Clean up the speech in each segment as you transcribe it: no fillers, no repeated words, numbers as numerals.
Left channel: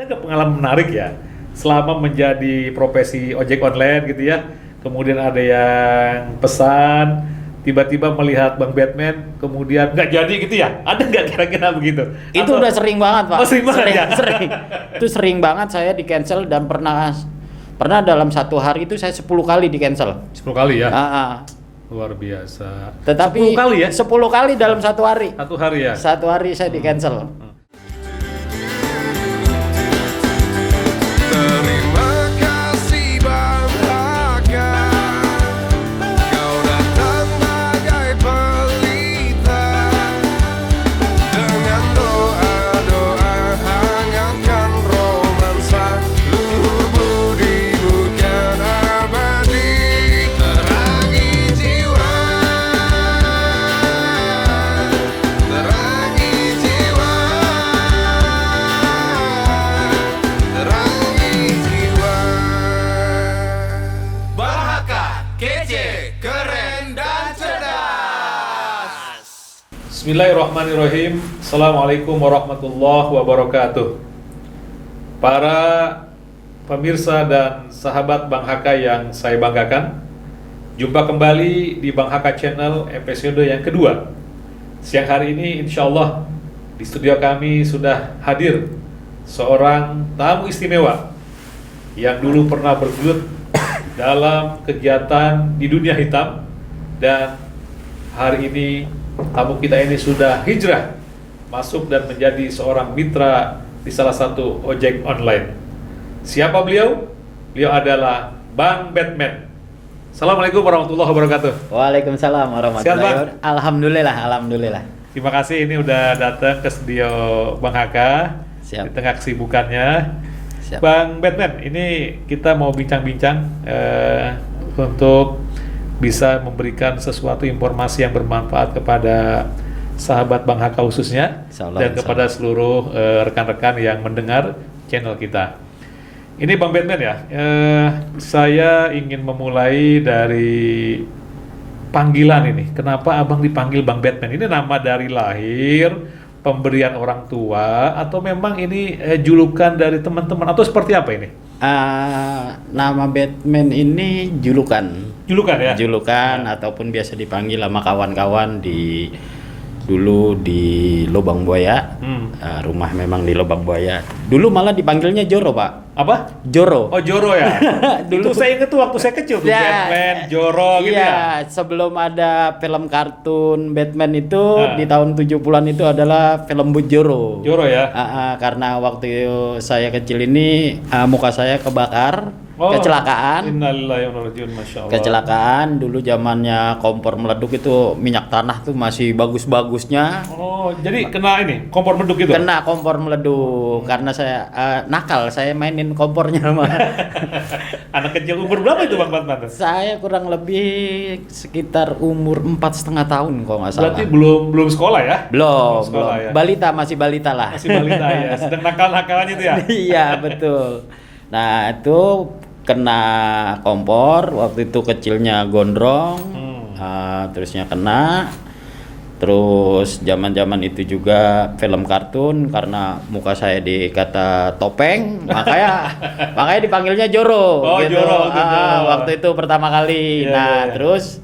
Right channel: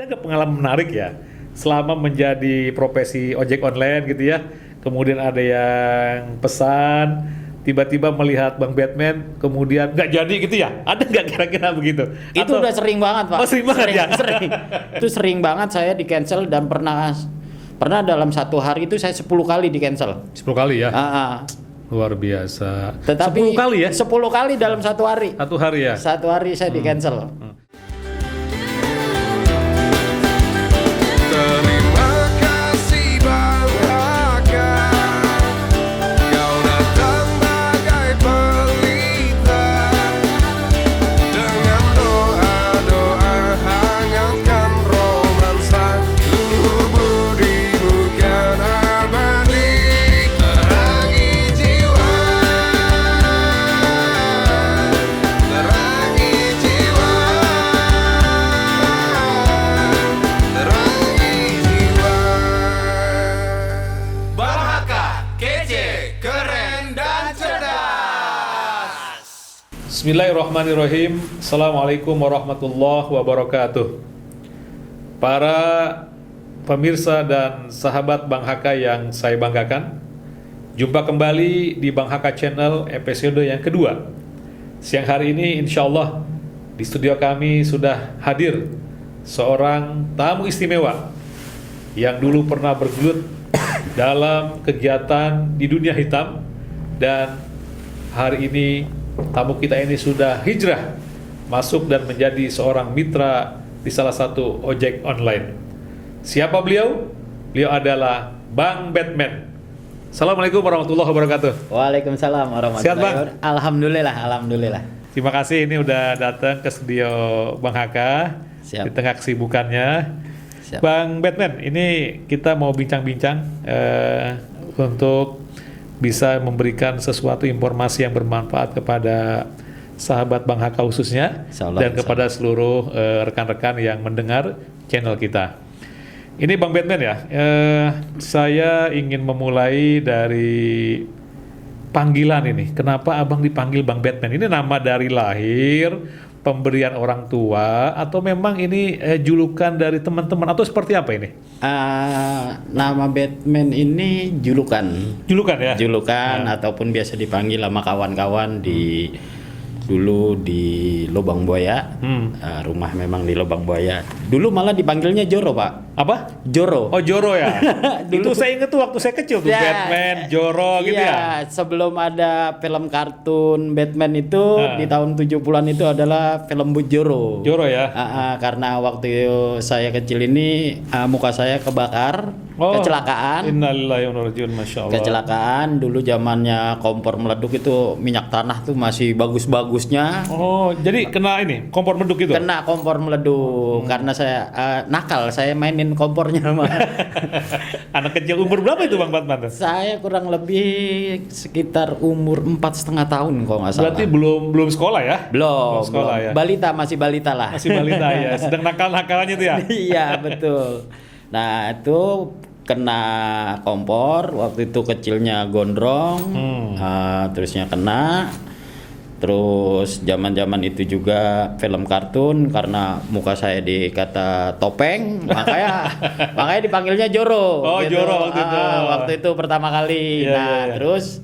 Ada nggak pengalaman menarik ya selama menjadi profesi ojek online gitu ya? Kemudian ada yang pesan, tiba-tiba melihat Bang Batman, kemudian nggak jadi gitu ya? Ada nggak kira-kira begitu? Itu udah sering banget, Pak. Oh, sering banget ya? Sering. Itu sering banget saya di cancel dan pernah dalam satu hari itu saya 10 kali di cancel. 10 kali ya? Luar Luar biasa. Tetapi 10 kali ya? 10 kali dalam satu hari. Satu hari ya? Satu hari saya di cancel. Terima kasih Bang Haka, kau datang bagai pelita, dengan doa-doa hangatkan romansa, luhur budimu kan abadi, terangi jiwa, terangi jiwa, terangi jiwa. Bang Haka, kece, keren dan cerdas. Bismillahirrahmanirrahim. Assalamualaikum warahmatullahi wabarakatuh. Para pemirsa dan sahabat Bang Haka yang saya banggakan, jumpa kembali di Bang Haka Channel episode yang kedua. Siang hari ini insya Allah di studio kami sudah hadir seorang tamu istimewa yang dulu pernah bergelut dalam kegiatan di dunia hitam, dan hari ini tamu kita ini sudah hijrah masuk dan menjadi seorang mitra di salah satu ojek online. Siapa beliau? Beliau adalah Bang Batman. Assalamualaikum warahmatullahi wabarakatuh. Waalaikumsalam Siap, warahmatullahi Pak? wabarakatuh. Alhamdulillah. Terima kasih ini udah datang ke studio Bang Haka. Siap. Di tengah kesibukannya. Siap. Bang Batman, ini kita mau bincang-bincang untuk bisa memberikan sesuatu informasi yang bermanfaat kepada sahabat Bang Haka khususnya, Insyaallah, dan insyaallah. kepada seluruh rekan-rekan yang mendengar channel kita. Ini Bang Batman ya, saya ingin memulai dari panggilan ini. Kenapa abang dipanggil Bang Batman? Ini nama dari lahir, pemberian orang tua, atau memang ini julukan dari teman-teman, atau seperti apa ini? Nama Batman ini julukan. Julukan ya? Julukan ataupun biasa dipanggil sama kawan-kawan dulu di Lubang Buaya. Rumah memang di Lubang Buaya. Dulu malah dipanggilnya Joro, Pak. Apa? Joro. Oh, Joro ya? Dulu- Itu saya ingat tuh waktu saya kecil tuh, Ya, Batman, Joro gitu ya? Iya, sebelum ada film kartun Batman itu Nah. di tahun 70-an itu adalah film Bujoro. Joro ya? Karena waktu saya kecil ini muka saya kebakar, Oh, kecelakaan. Innalillahi wa inna ilaihi raji'un, Masya Allah. Kecelakaan dulu zamannya kompor meleduk itu minyak tanah tuh masih bagus-bagusnya. Oh, jadi kena ini, kompor meduk gitu? Kena kompor meleduk karena saya nakal, saya mainin kompornya sama. Anak kecil umur berapa itu Bang Batman? Saya kurang lebih sekitar umur 4,5 tahun kalau nggak salah. Berarti belum sekolah ya? Belum, sekolah ya? Balita, masih balita lah. Masih balita ya, sedang nakal-nakalnya tuh ya? Iya, betul. Nah, itu kena kompor, waktu itu kecilnya gondrong, terusnya kena. Terus zaman-zaman itu juga film kartun karena muka saya dikata topeng, makanya dipanggilnya Joro. Oh, Joro, waktu itu. Waktu itu pertama kali. Iya, Nah, iya. terus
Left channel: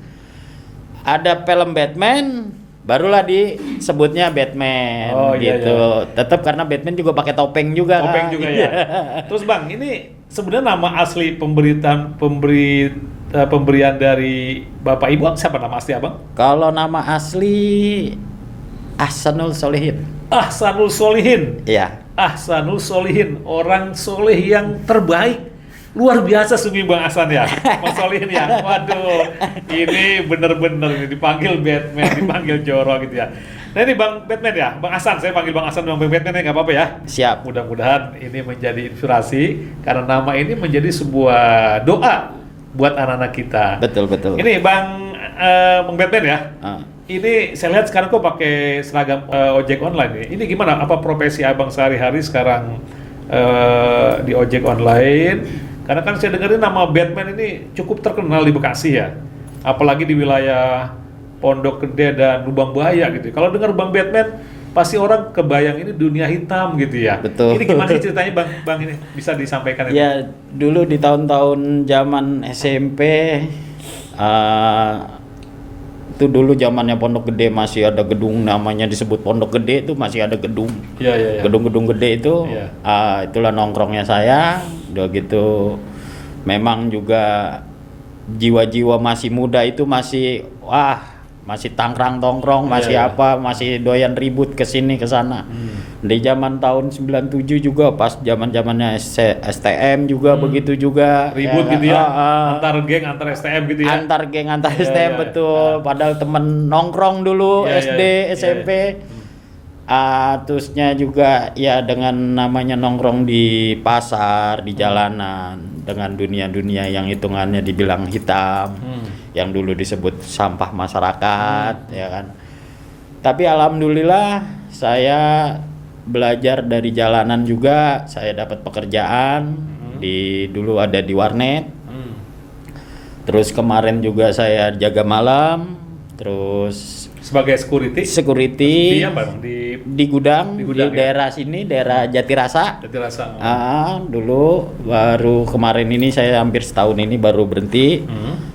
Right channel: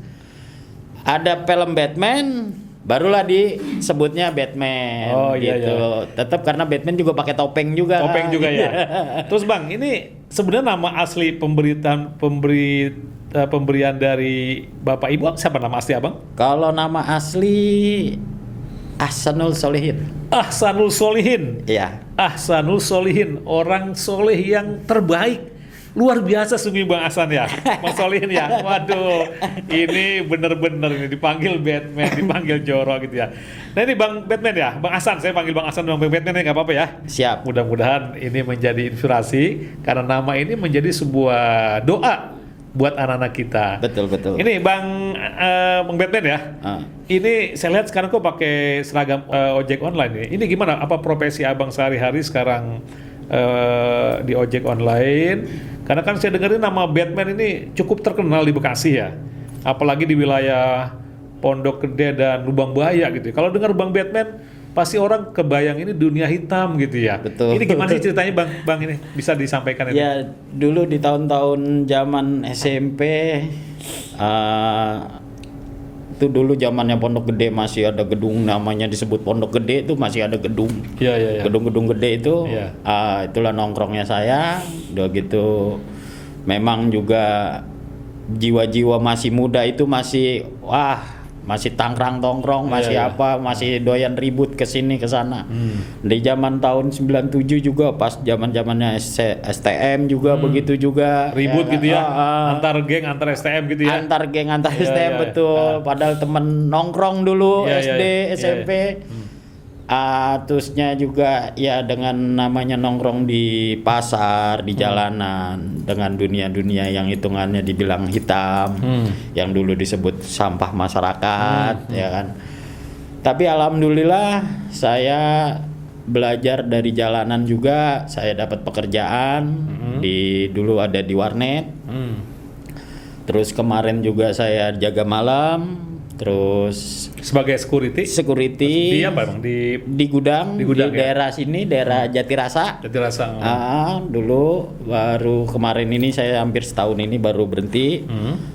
ada film Batman, barulah disebutnya Batman Oh, iya, gitu. Tetap karena Batman juga pakai topeng juga. Topeng kan. juga ya. Terus Bang, ini sebenarnya nama asli pemberian dari Bapak Ibu siapa nama asli Abang? Kalau nama asli Ahsanul Solihin. Ahsanul Solihin. Iya. Ahsanul Solihin, orang soleh yang terbaik. Luar biasa sungguh Bang Ahsan ya, Mas Solihin ya. Waduh, ini bener-bener ini dipanggil Batman, dipanggil Joro gitu ya. Nah ini Bang Batman ya, Bang Ahsan, saya panggil Bang Ahsan Bang Batman ya, nggak apa-apa ya. Siap. Mudah-mudahan ini menjadi inspirasi karena nama ini menjadi sebuah doa buat anak-anak kita. Betul. Ini Bang Batman ya. Ah. Ini saya lihat sekarang kok pakai seragam ojek online ya. Ini gimana? Apa profesi Abang sehari-hari sekarang di ojek online? Karena kan saya dengerin nama Batman ini cukup terkenal di Bekasi ya. Apalagi di wilayah Pondok Gede dan Lubang Buaya gitu. Kalau dengar Bang Batman, pasti orang kebayang ini dunia hitam gitu ya. Betul. Ini gimana sih ceritanya Bang ini bisa disampaikan? Ya dulu di tahun-tahun zaman SMP, itu dulu zamannya Pondok Gede masih ada gedung namanya disebut Pondok Gede, itu masih ada gedung. Iya. Gedung-gedung gede itu, Iya. Itulah nongkrongnya saya. Udah gitu, memang juga jiwa-jiwa masih muda itu masih masih tangkrang-tongkrong, masih Iya. masih doyan ribut ke sini ke sana. Di zaman tahun 97 juga pas zaman-zamannya STM juga begitu juga. Ribut gitu ya, Antar antar geng, antar STM gitu ya. geng antar Iya, STM iya. betul. Padahal temen nongkrong dulu Iya, SD, iya. SMP. Terusnya juga ya dengan namanya nongkrong di pasar, di jalanan, dengan dunia-dunia yang hitungannya dibilang hitam, yang dulu disebut sampah masyarakat, ya kan. Tapi alhamdulillah saya belajar dari jalanan juga, saya dapat pekerjaan dulu ada di warnet. Terus kemarin juga saya jaga malam, terus Sebagai security security di apa Bang? di gudang, Di gudang, ya? daerah sini, daerah Jatirasa. Jatirasa. Dulu baru kemarin ini saya hampir setahun ini baru berhenti.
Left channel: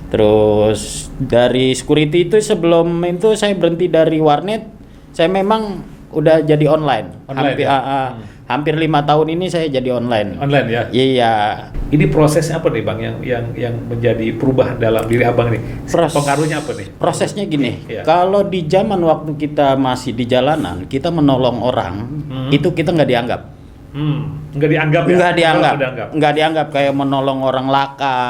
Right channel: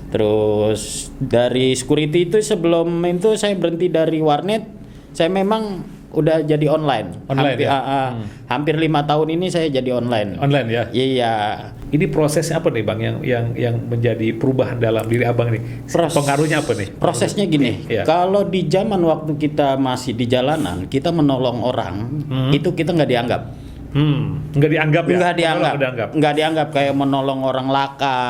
Terus dari security itu sebelum itu saya berhenti dari warnet, saya memang udah jadi online. Online, Hampir, ya? hampir 5 tahun ini saya jadi online. Online ya. Iya. Ini prosesnya apa nih Bang yang menjadi perubahan dalam diri Abang nih? Pengaruhnya apa nih? Prosesnya gini, Iya. kalau di zaman waktu kita masih di jalanan, kita menolong orang, itu kita nggak dianggap. Nggak dianggap ya? Nggak dianggap, Nggak dianggap. nggak dianggap kayak menolong orang laka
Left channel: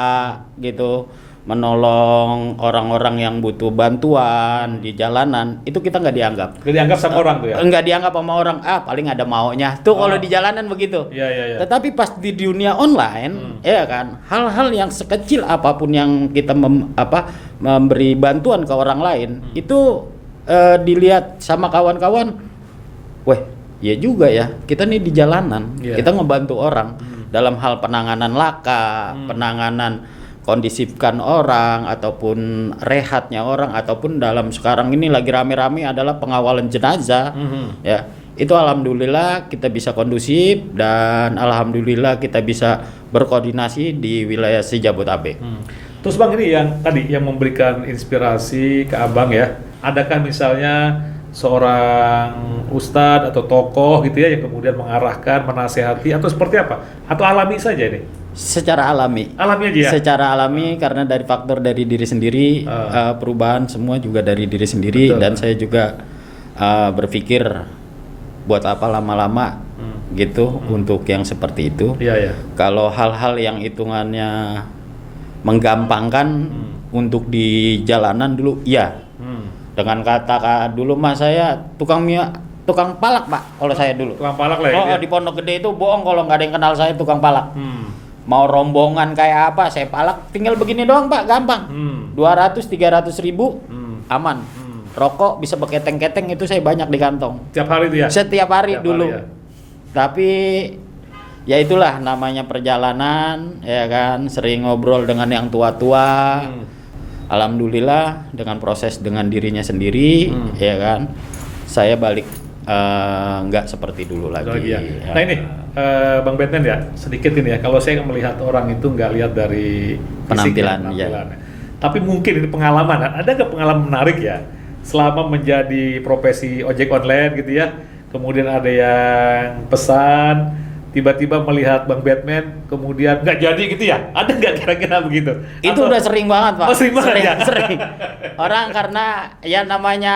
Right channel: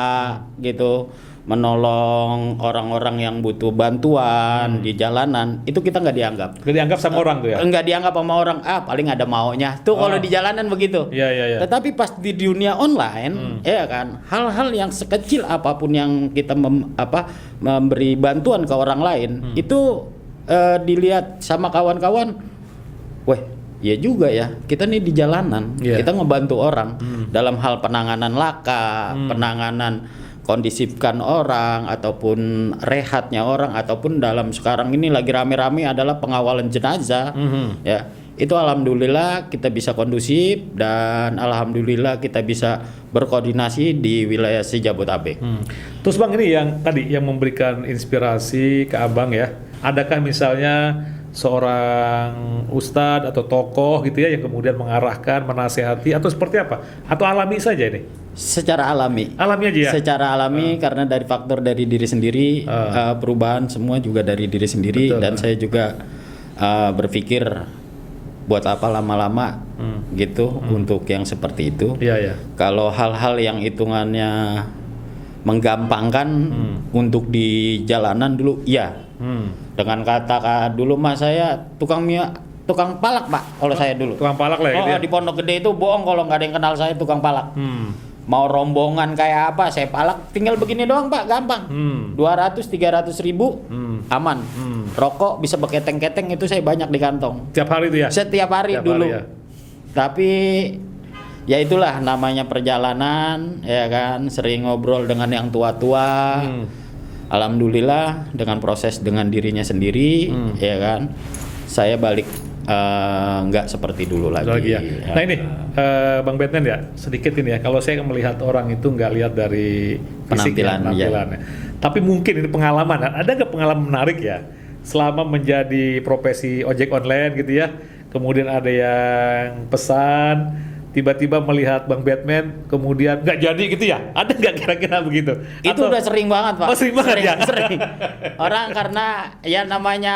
gitu, menolong orang-orang yang butuh bantuan di jalanan, itu kita nggak dianggap. Nggak dianggap sama orang tuh ya? Nggak dianggap sama orang, paling ada maunya. Tuh kalau di jalanan begitu. Iya. Tetapi pas di dunia online, ya kan, hal-hal yang sekecil apapun yang kita memberi bantuan ke orang lain, itu dilihat sama kawan-kawan, weh, ya juga ya, kita nih di jalanan, Iya. kita ngebantu orang dalam hal penanganan laka, penanganan kondisifkan orang ataupun rehatnya orang, ataupun dalam sekarang ini lagi rame-rame adalah pengawalan jenazah. Ya, itu alhamdulillah kita bisa kondusif dan alhamdulillah kita bisa berkoordinasi di wilayah Jabodetabek. Terus Bang ini yang tadi yang memberikan inspirasi ke Abang ya, adakah misalnya seorang ustadz atau tokoh gitu ya yang kemudian mengarahkan, menasehati atau seperti apa? Atau alami saja ini? Secara alami. Alami aja ya? Secara alami karena dari faktor dari diri sendiri, perubahan semua juga dari diri sendiri. Betul. Dan saya juga berpikir buat apa lama-lama gitu untuk yang seperti itu. Iya. Kalau hal-hal yang hitungannya menggampangkan untuk di jalanan dulu, iya. Dengan kata dulu mas saya tukang palak Pak, kalau saya dulu. Tukang palak lah ya? Oh, di Pondok Gede itu bohong kalau nggak ada yang kenal saya tukang palak. Mau rombongan kayak apa saya palak, tinggal begini doang Pak, gampang. 200-300 ribu aman. Rokok bisa pakai keteng-keteng itu saya banyak di kantong. Setiap hari itu ya? Setiap hari Setiap dulu. hari, ya. Tapi ya itulah namanya perjalanan, ya kan, sering ngobrol dengan yang tua-tua. Alhamdulillah dengan proses dengan dirinya sendiri, ya kan, saya balik nggak seperti dulu lagi. Ya. Ya. Nah ini Bang Batman ya, sedikit ini ya, kalau saya melihat orang itu nggak lihat dari fisik ya, penampilannya. Tapi mungkin ini pengalaman, ada nggak pengalaman menarik ya selama menjadi profesi ojek online gitu ya, kemudian ada yang pesan, tiba-tiba melihat Bang Batman, kemudian nggak jadi gitu ya, ada nggak kira-kira begitu? Itu udah sering banget Pak. Oh, sering banget ya? Sering. Orang karena ya namanya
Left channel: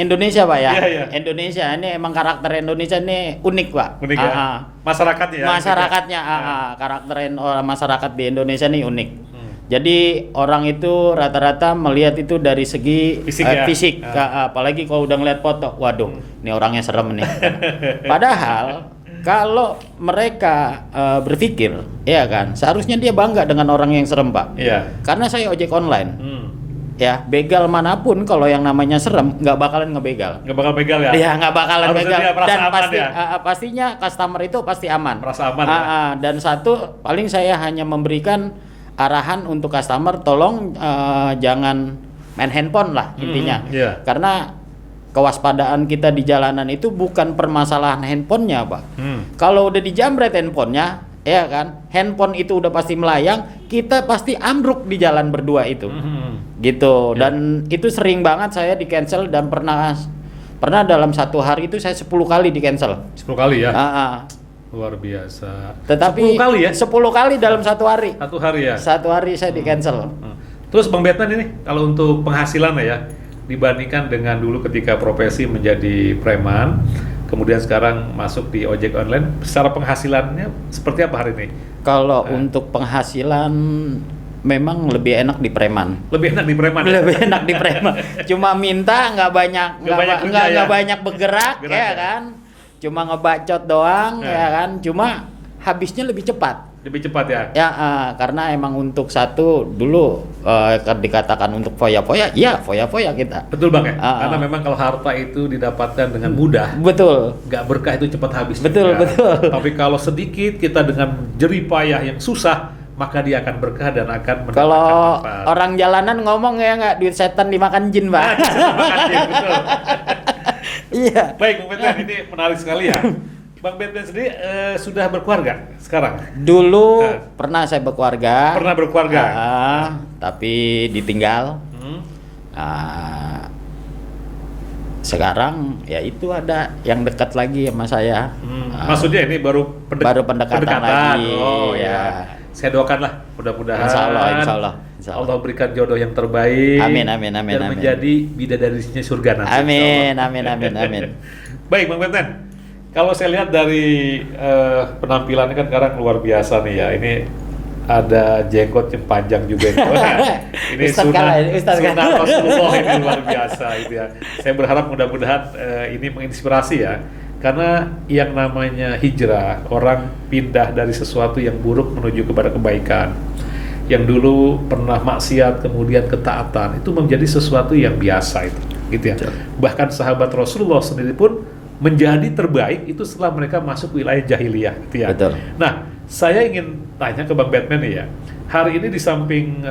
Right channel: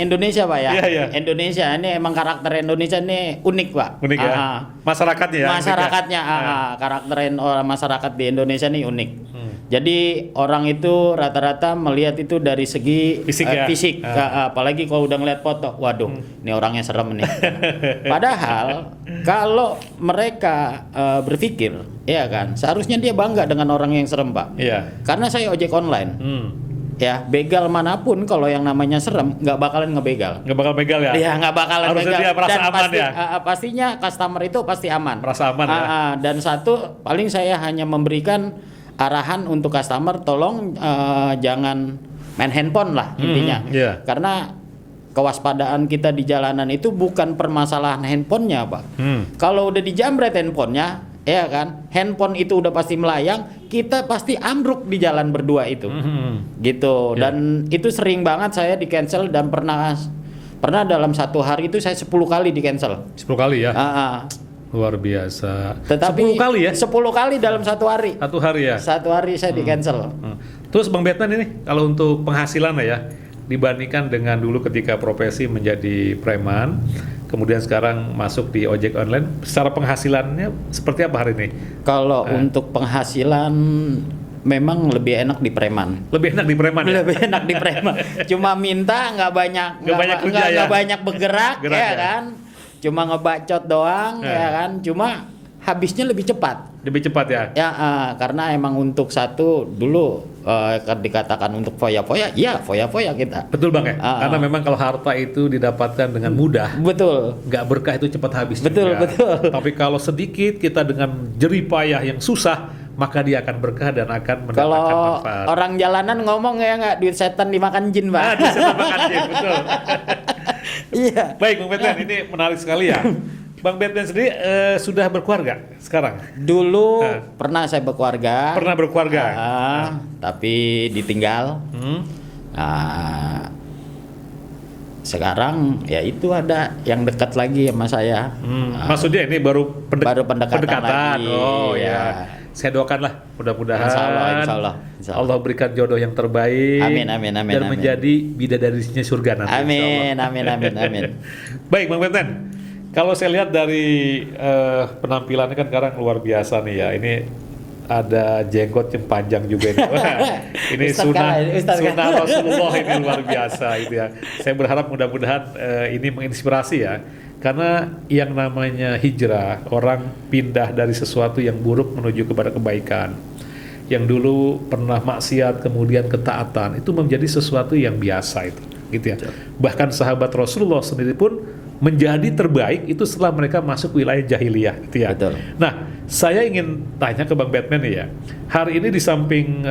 Indonesia Pak ya. Iya. Indonesia ini emang karakter Indonesia ini unik Pak. Unik ya? Masyarakatnya ya? Masyarakatnya, karakter orang masyarakat di Indonesia ini unik. Jadi orang itu rata-rata melihat itu dari segi fisik. Apalagi kalau udah ngeliat foto, waduh, ini orangnya serem nih. Padahal kalau mereka berpikir, ya kan, seharusnya dia bangga dengan orang yang serem Pak. Iya. Karena saya ojek online. Ya, begal manapun kalau yang namanya serem nggak bakalan ngebegal. Nggak bakal pegang ya? Iya, nggak bakalan Harusnya begal. dia merasa Dan aman pasti, ya? pastinya customer itu pasti aman. Merasa aman ya? Dan satu, paling saya hanya memberikan arahan untuk customer, tolong jangan main handphone lah intinya. Iya. Karena kewaspadaan kita di jalanan itu bukan permasalahan handphonenya, Pak. Hmm. Kalau udah dijamret handphonenya, ya kan, handphone itu udah pasti melayang, kita pasti ambruk di jalan berdua itu, gitu. Dan itu sering banget saya di cancel dan pernah dalam satu hari itu saya 10 kali di cancel. 10 kali ya. Luar biasa. Tetapi 10 kali ya? 10 kali dalam satu hari. Satu hari ya. Satu hari saya di cancel. Terus Bang Batman ini kalau untuk penghasilan ya, dibandingkan dengan dulu ketika profesi menjadi preman, kemudian sekarang masuk di ojek online, secara penghasilannya seperti apa hari ini? Kalau untuk penghasilan memang lebih enak di preman. Lebih enak di preman ya? Lebih enak di preman. Cuma minta nggak banyak kerja ya? nggak banyak bergerak, Gerak ya ya? kan? Cuma ngebacot doang, ya kan? Cuma habisnya lebih cepat. Lebih cepat ya? Ya, karena emang untuk satu dulu dikatakan untuk foya-foya, ya foya-foya kita. Betul Bang ya? Ah. Karena memang kalau harta itu didapatkan dengan mudah, Betul. nggak berkah itu cepat habis. Betul, juga. betul. Tapi kalau sedikit kita dengan jerih payah yang susah, maka dia akan berkah dan akan mendapatkan Kalau manfaat. orang jalanan ngomong ya nggak, duit setan dimakan jin, Pak. Betul. Iya. Baik Bang Batman, ini menarik sekali ya. Bang Batman sendiri sudah berkeluarga sekarang? Dulu pernah saya berkeluarga. Pernah berkeluarga? Tapi ditinggal. Sekarang ya itu ada yang dekat lagi sama saya. Maksudnya ini baru pendekatan lagi. Oh ya. ya. Saya doakanlah mudah-mudahan Insya Allah. Allah berikan jodoh yang terbaik. Amin. Dan Amin. menjadi bidadarinya surga nanti. Amin. Baik Bang Batman, kalau saya lihat dari penampilannya kan sekarang luar biasa nih ya. Ini ada jenggot yang panjang juga. Ini Ustaz sunnah Rasulullah yang luar biasa gitu ya. Saya berharap mudah-mudahan ini menginspirasi ya. Karena yang namanya hijrah, orang pindah dari sesuatu yang buruk menuju kepada kebaikan. Yang dulu pernah maksiat kemudian ketaatan, itu menjadi sesuatu yang biasa itu, gitu ya. Bahkan sahabat Rasulullah sendiri pun menjadi terbaik itu setelah mereka masuk wilayah jahiliyah, gitu ya. Betul. Nah, saya ingin tanya ke Bang Batman nih ya. Hari ini di samping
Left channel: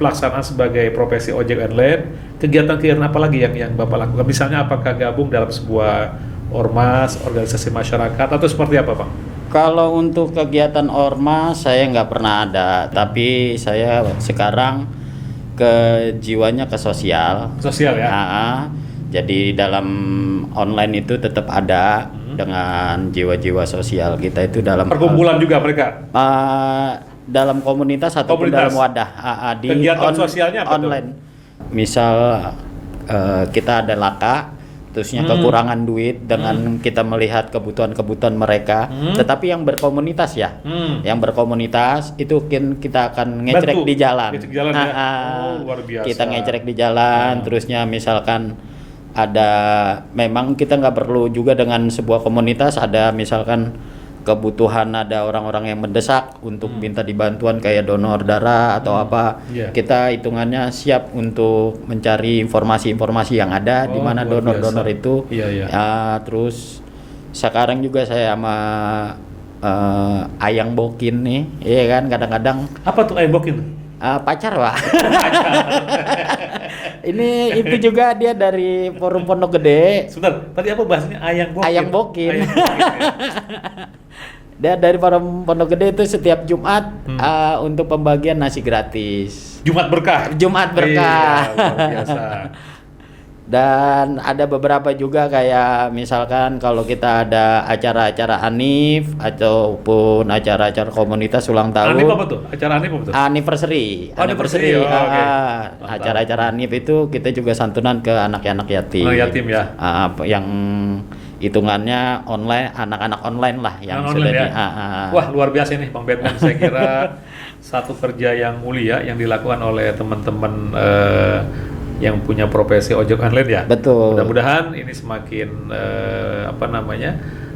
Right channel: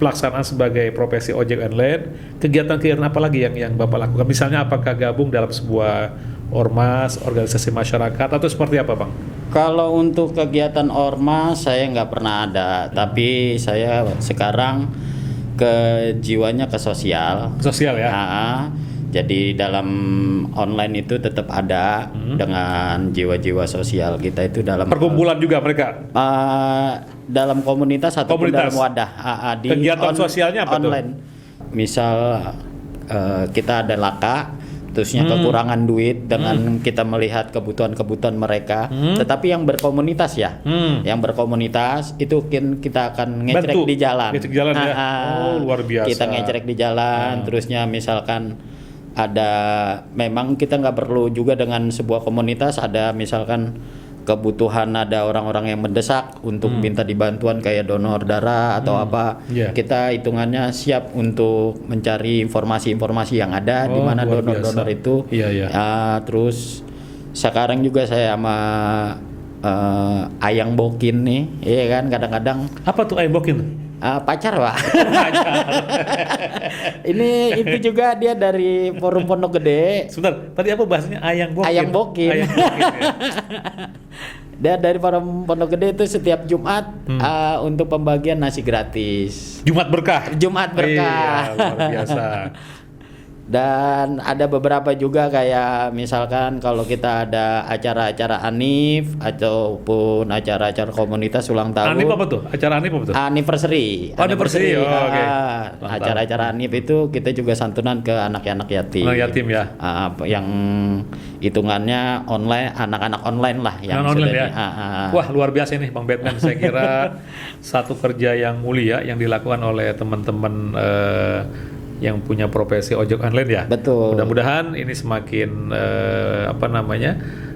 pelaksanaan sebagai profesi ojek online, kegiatan-kegiatan apa lagi yang Bapak lakukan? Misalnya apakah gabung dalam sebuah ormas, organisasi masyarakat, atau seperti apa Bang? Kalau untuk kegiatan ormas saya nggak pernah ada, tapi saya sekarang jiwanya ke sosial. Sosial ya? Jadi dalam online itu tetap ada dengan jiwa-jiwa sosial kita itu dalam perkumpulan juga mereka? Dalam komunitas ataupun dalam wadah. Di kegiatan sosialnya apa online. Misal kita ada laka, terusnya kekurangan duit dengan kita melihat kebutuhan-kebutuhan mereka, tetapi yang berkomunitas ya, yang berkomunitas itu kita akan ngecrek di jalan. Luar biasa. Kita ngecrek di jalan, terusnya misalkan ada, memang kita nggak perlu juga dengan sebuah komunitas, ada misalkan kebutuhan, ada orang-orang yang mendesak untuk minta dibantuan kayak donor darah atau apa, kita hitungannya siap untuk mencari informasi-informasi yang ada di mana donor-donor itu. Terus sekarang juga saya sama Ayang Bokin nih, iya kan, kadang-kadang. Apa tuh Ayang Bokin? Pacar Pak. Ini itu juga dia dari Forum Pondok Gede. Sebentar, tadi apa bahasanya Ayang Bokin? Ayang Bokin. Dia dari Forum Pondok Gede itu setiap Jumat untuk pembagian nasi gratis. Jumat berkah. Jumat berkah. Iya, luar biasa. Dan ada beberapa juga kayak misalkan kalau kita ada acara-acara Hanif ataupun acara-acara komunitas ulang tahun. Hanif apa tuh? Acara Hanif apa tuh? Anniversary. Anniversary. Acara-acara Hanif itu kita juga santunan ke anak-anak yatim. Yatim ya. Yang hitungannya online, anak-anak online lah yang online ya. Wah, luar biasa nih Bang Batman. Saya kira satu kerja yang mulia yang dilakukan oleh teman-teman yang punya profesi ojek online ya. Betul. Mudah-mudahan ini semakin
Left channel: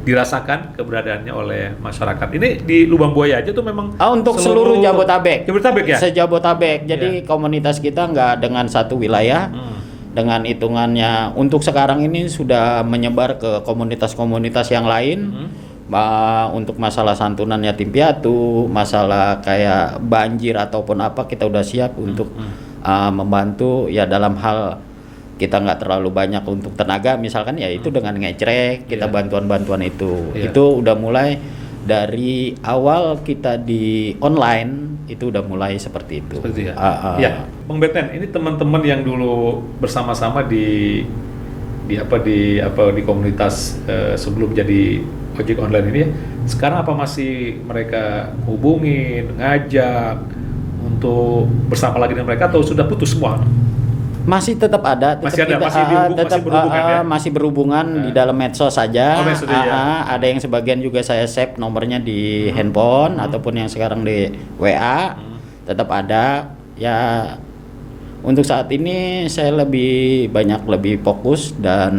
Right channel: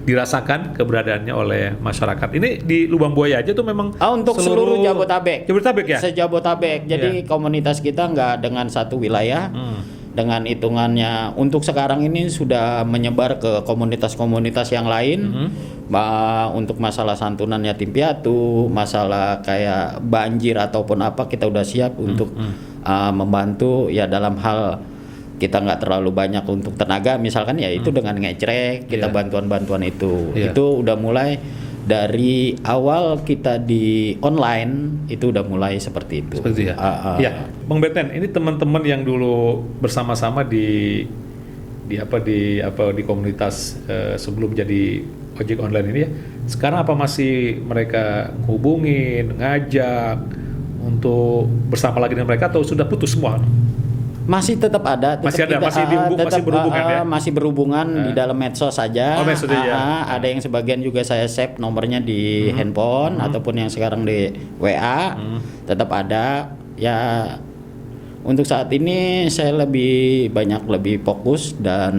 dirasakan keberadaannya oleh masyarakat. Ini di Lubang Buaya aja tuh memang untuk seluruh Jabotabek. Jabotabek ya? Se-Jabotabek. Jadi komunitas kita nggak dengan satu wilayah. Dengan hitungannya untuk sekarang ini sudah menyebar ke komunitas-komunitas yang lain. Untuk masalah santunan yatim piatu, masalah kayak banjir ataupun apa, kita udah siap untuk membantu ya dalam hal kita nggak terlalu banyak untuk tenaga misalkan ya itu dengan ngecrek kita Iya. bantuan itu Iya. itu udah mulai dari awal kita di online itu udah mulai seperti itu. Seperti ya. Ya, Bang Beten, ini teman-teman yang dulu bersama-sama di komunitas sebelum jadi ojek online ini, sekarang apa masih mereka hubungin, ngajak untuk bersama lagi dengan mereka atau sudah putus semua? Masih tetap ada, Masih ada, masih berhubungan ya? masih berhubungan di dalam medsos saja. Oh, medsos ya. Ada yang sebagian juga saya save nomornya di handphone ataupun yang sekarang di WA, tetap ada. Ya, untuk saat ini saya lebih fokus dan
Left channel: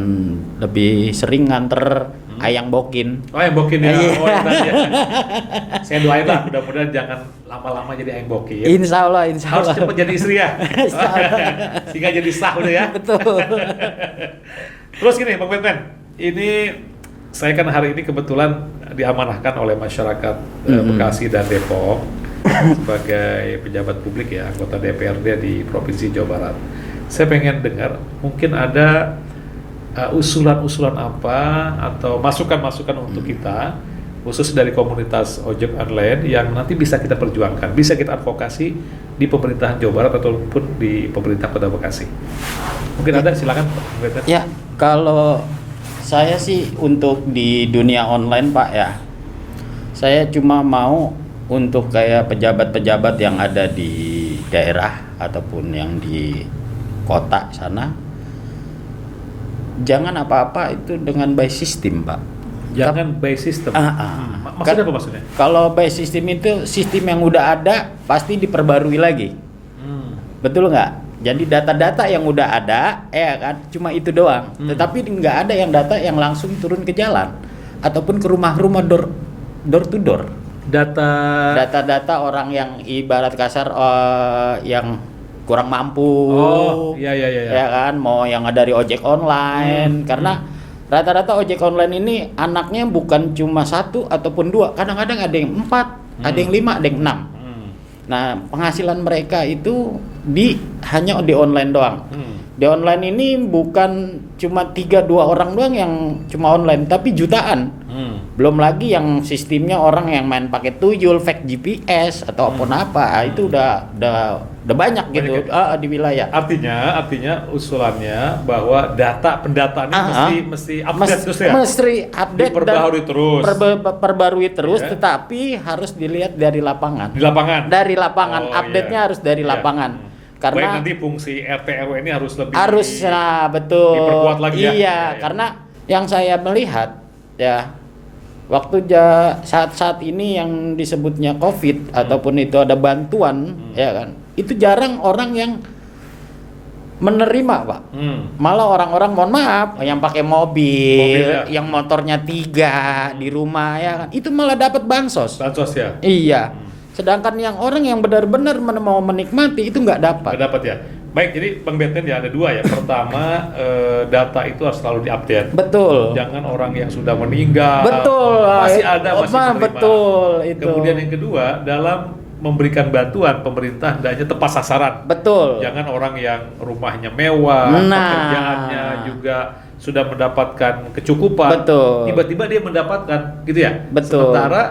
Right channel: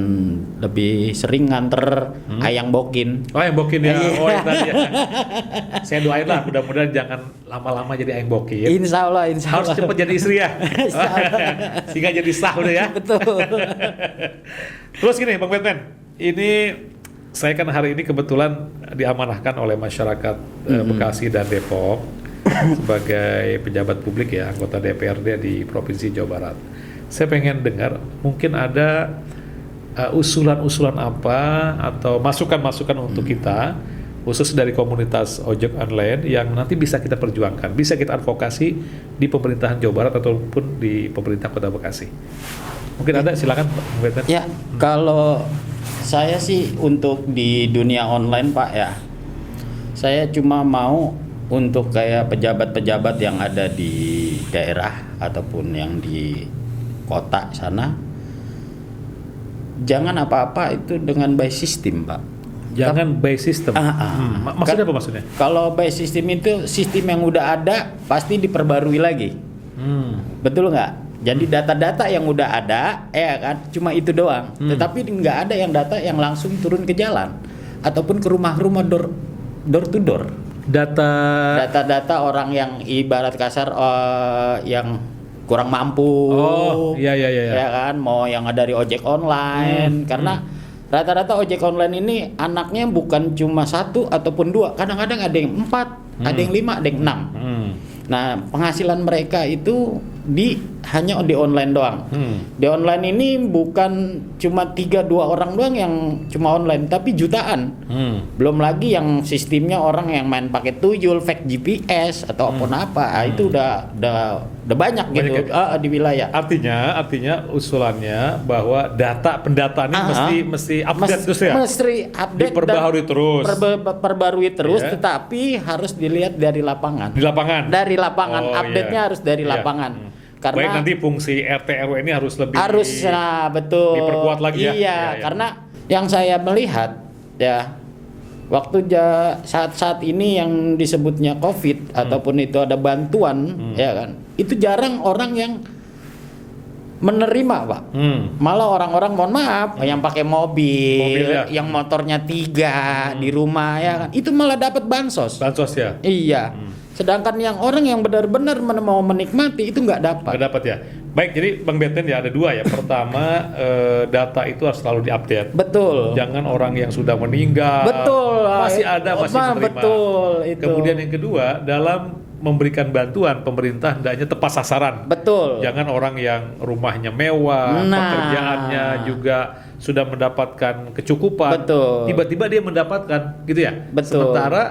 lebih sering nganter ayang bokin. Oh, yang bokin ya. Oh, yang tadi ya. Saya doain lah, mudah-mudahan jangan lama-lama jadi ayang bokin. Insya Allah. Harus cepat jadi istri ya. Sehingga jadi sah udah ya. Betul. Terus gini Bang Beten, ini saya kan hari ini kebetulan diamanahkan oleh masyarakat Bekasi dan Depok sebagai pejabat publik ya, anggota DPRD di Provinsi Jawa Barat. Saya pengen dengar, mungkin ada usulan-usulan apa atau masukan-masukan untuk kita, khusus dari komunitas ojek online yang nanti bisa kita perjuangkan, bisa kita advokasi di pemerintahan Jawa Barat ataupun di pemerintah Kota Bekasi. Mungkin ada, silakan Pak Beten. Ya, kalau saya sih untuk di dunia online Pak ya, saya cuma mau untuk kayak pejabat-pejabat yang ada di daerah ataupun yang di kota sana, jangan apa-apa itu dengan by system Pak. Jangan by system. Maksudnya apa maksudnya? Kalau by system itu sistem yang udah ada pasti diperbarui lagi. Betul nggak? Jadi data-data yang udah ada, ya kan, cuma itu doang. Tetapi nggak ada yang data yang langsung turun ke jalan ataupun ke rumah-rumah door to door. Data-data orang yang ibarat kasar yang kurang mampu. Oh, iya. Ya kan, mau yang dari ojek online karena rata-rata ojek online ini anaknya bukan cuma 1 ataupun 2, kadang-kadang ada yang 4, ada yang 5, ada yang 6. Nah, penghasilan mereka itu hanya di online doang. Di online ini bukan cuma 3-2 orang doang yang cuma online, tapi jutaan. Belum lagi yang sistemnya orang yang main pakai tuyul, fake GPS atau apa, itu udah banyak gitu di wilayah. Artinya usulannya bahwa pendataannya mesti update terus ya. Mesti update diperbaharui terus. Perbarui terus, Iya. tetapi harus dilihat dari lapangan. Di lapangan. Dari lapangan, Oh, update-nya iya. harus dari Iya. lapangan. Baik, Karena nanti fungsi RT RW ini harus lebih betul. diperkuat lagi ya. Iya, Iya. karena yang saya melihat ya waktu saat ini yang disebutnya COVID ataupun itu ada bantuan ya kan. Itu jarang orang yang menerima Pak. Malah orang-orang mohon maaf yang pakai mobil ya. yang motornya 3 di rumah ya kan. Itu malah dapat bansos. Bansos ya. Iya. Sedangkan yang orang yang benar-benar mau menikmati itu nggak dapat. Nggak dapat ya. Baik, jadi Bang Beten ya ada 2 ya. Pertama, data itu harus selalu diupdate. Betul. Jangan orang yang sudah meninggal. Betul. Masih ada, masih terima. Betul itu. Kemudian yang kedua, dalam memberikan bantuan pemerintah hendaknya tepat sasaran. Betul. Jangan orang yang rumahnya mewah, Nah. pekerjaannya juga sudah mendapatkan kecukupan. Betul. Tiba-tiba dia mendapatkan, gitu ya. Betul. Sementara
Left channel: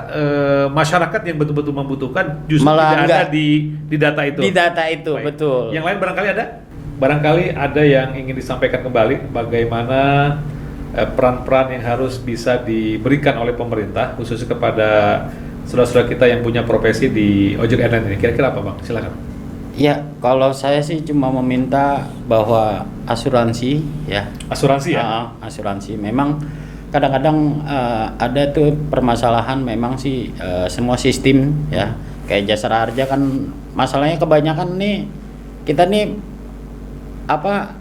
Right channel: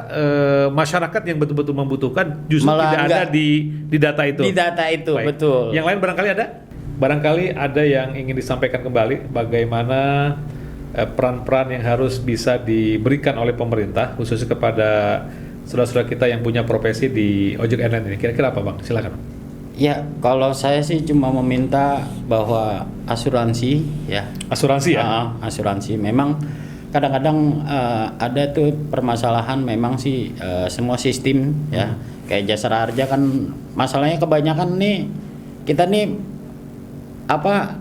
masyarakat yang betul-betul membutuhkan justru Malah tidak ada enggak. di data itu. Di data itu, Baik. betul. Yang lain barangkali ada? Barangkali ada yang ingin disampaikan kembali bagaimana peran-peran yang harus bisa diberikan oleh pemerintah khususnya kepada saudara-saudara kita yang punya profesi di ojek online ini. Kira-kira apa Bang? Silakan. Ya, kalau saya sih cuma meminta bahwa asuransi ya. Asuransi ya? Asuransi memang kadang-kadang ada tuh permasalahan memang sih semua sistem ya. Kayak Jasara Harja kan masalahnya kebanyakan nih kita nih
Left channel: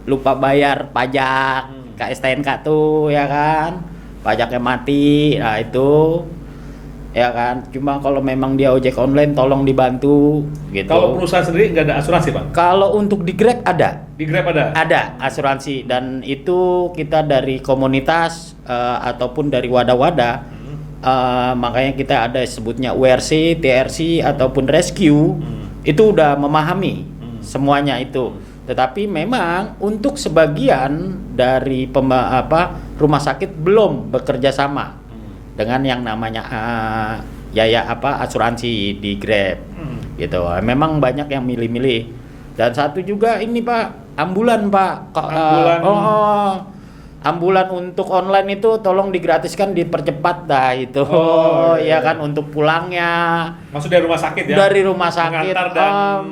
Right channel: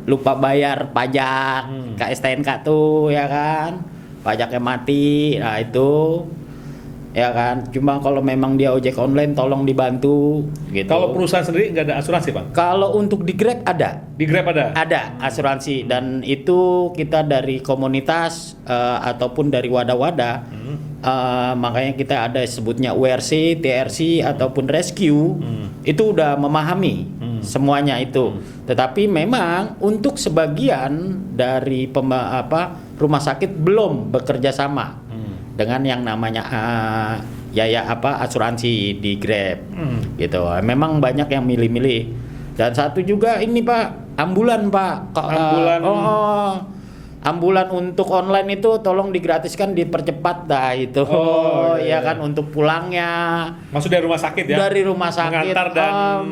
lupa bayar pajak ke STNK tuh ya kan. Pajaknya mati. Nah, itu ya kan, cuma kalau memang dia ojek online tolong dibantu gitu. Kalau perusahaan sendiri nggak ada asuransi Pak? Kalau untuk di Grab ada. Di Grab ada? Ada asuransi dan itu kita dari komunitas ataupun dari wadah-wadah makanya kita ada sebutnya WRC, TRC ataupun rescue itu udah memahami semuanya itu. Tetapi memang untuk sebagian dari rumah sakit belum bekerja sama dengan yang namanya asuransi di Grab gitu. Memang banyak yang milih-milih. Dan satu juga ini Pak, ambulan Pak. Ambulan untuk online itu tolong digratiskan, dipercepat dah itu. Ya kan, untuk pulangnya. Maksud dari rumah sakit ya? Dari rumah sakit. Mengantar dan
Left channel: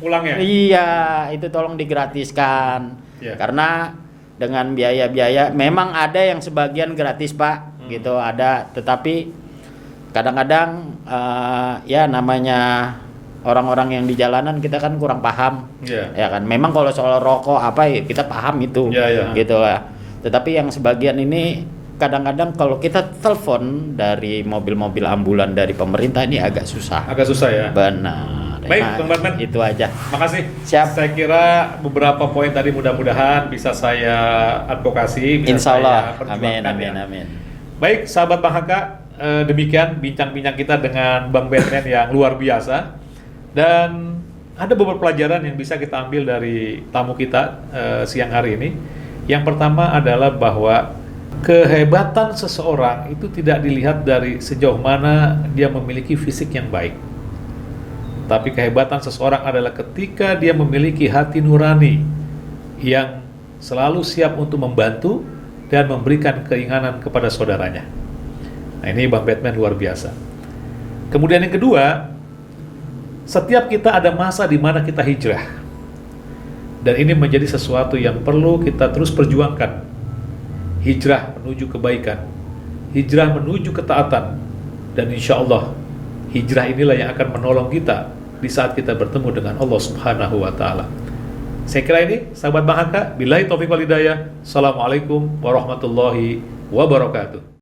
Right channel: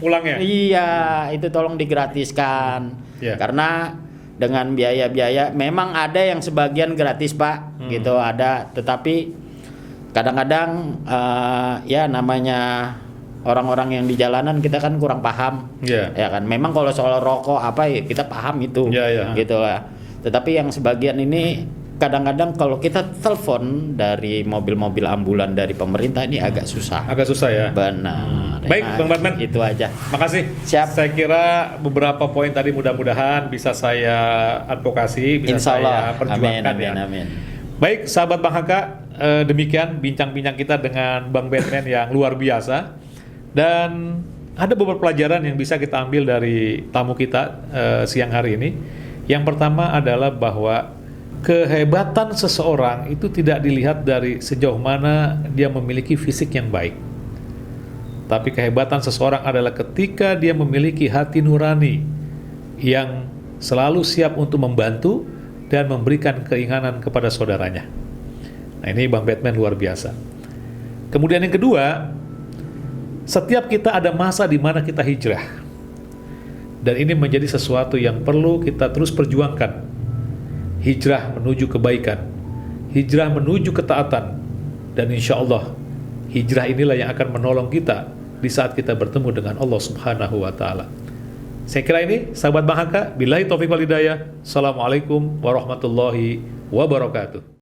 pulang ya? Iya, itu tolong digratiskan. Yeah. Karena dengan biaya-biaya memang ada yang sebagian gratis Pak, gitu ada. Tetapi kadang-kadang ya namanya orang-orang yang di jalanan kita kan kurang paham. Yeah. Ya kan, memang kalau soal rokok apa ya kita paham itu. Yeah. Gitu lah. Tetapi yang sebagian ini kadang-kadang kalau kita telepon dari mobil-mobil ambulan dari pemerintah ini agak susah. Agak susah ya? Benar. Baik, Bang Batman. Itu aja. Makasih. Siap. Saya kira beberapa poin tadi mudah-mudahan bisa saya advokasi, bisa Insya Allah. saya perjuangkan ya. Amin. Baik, sahabat Bang Haka, demikian bincang-bincang kita dengan Bang Batman yang luar biasa. Dan ada beberapa pelajaran yang bisa kita ambil dari tamu kita siang hari ini. Yang pertama adalah bahwa kehebatan seseorang itu tidak dilihat dari sejauh mana dia memiliki fisik yang baik. Tapi kehebatan seseorang adalah ketika dia memiliki hati nurani yang selalu siap untuk membantu dan memberikan keinginan kepada saudaranya. Nah, ini Bang Batman luar biasa. Kemudian yang kedua, setiap kita ada masa di mana kita hijrah. Dan ini menjadi sesuatu yang perlu kita terus perjuangkan. Hijrah menuju kebaikan, hijrah menuju ketaatan, dan insya Allah hijrah inilah yang akan menolong kita di saat kita bertemu dengan Allah Subhanahu wa Ta'ala. Saya kira ini, sahabat Bang Haka, billahi taufiq wal hidayah. Assalamualaikum warahmatullahi wabarakatuh.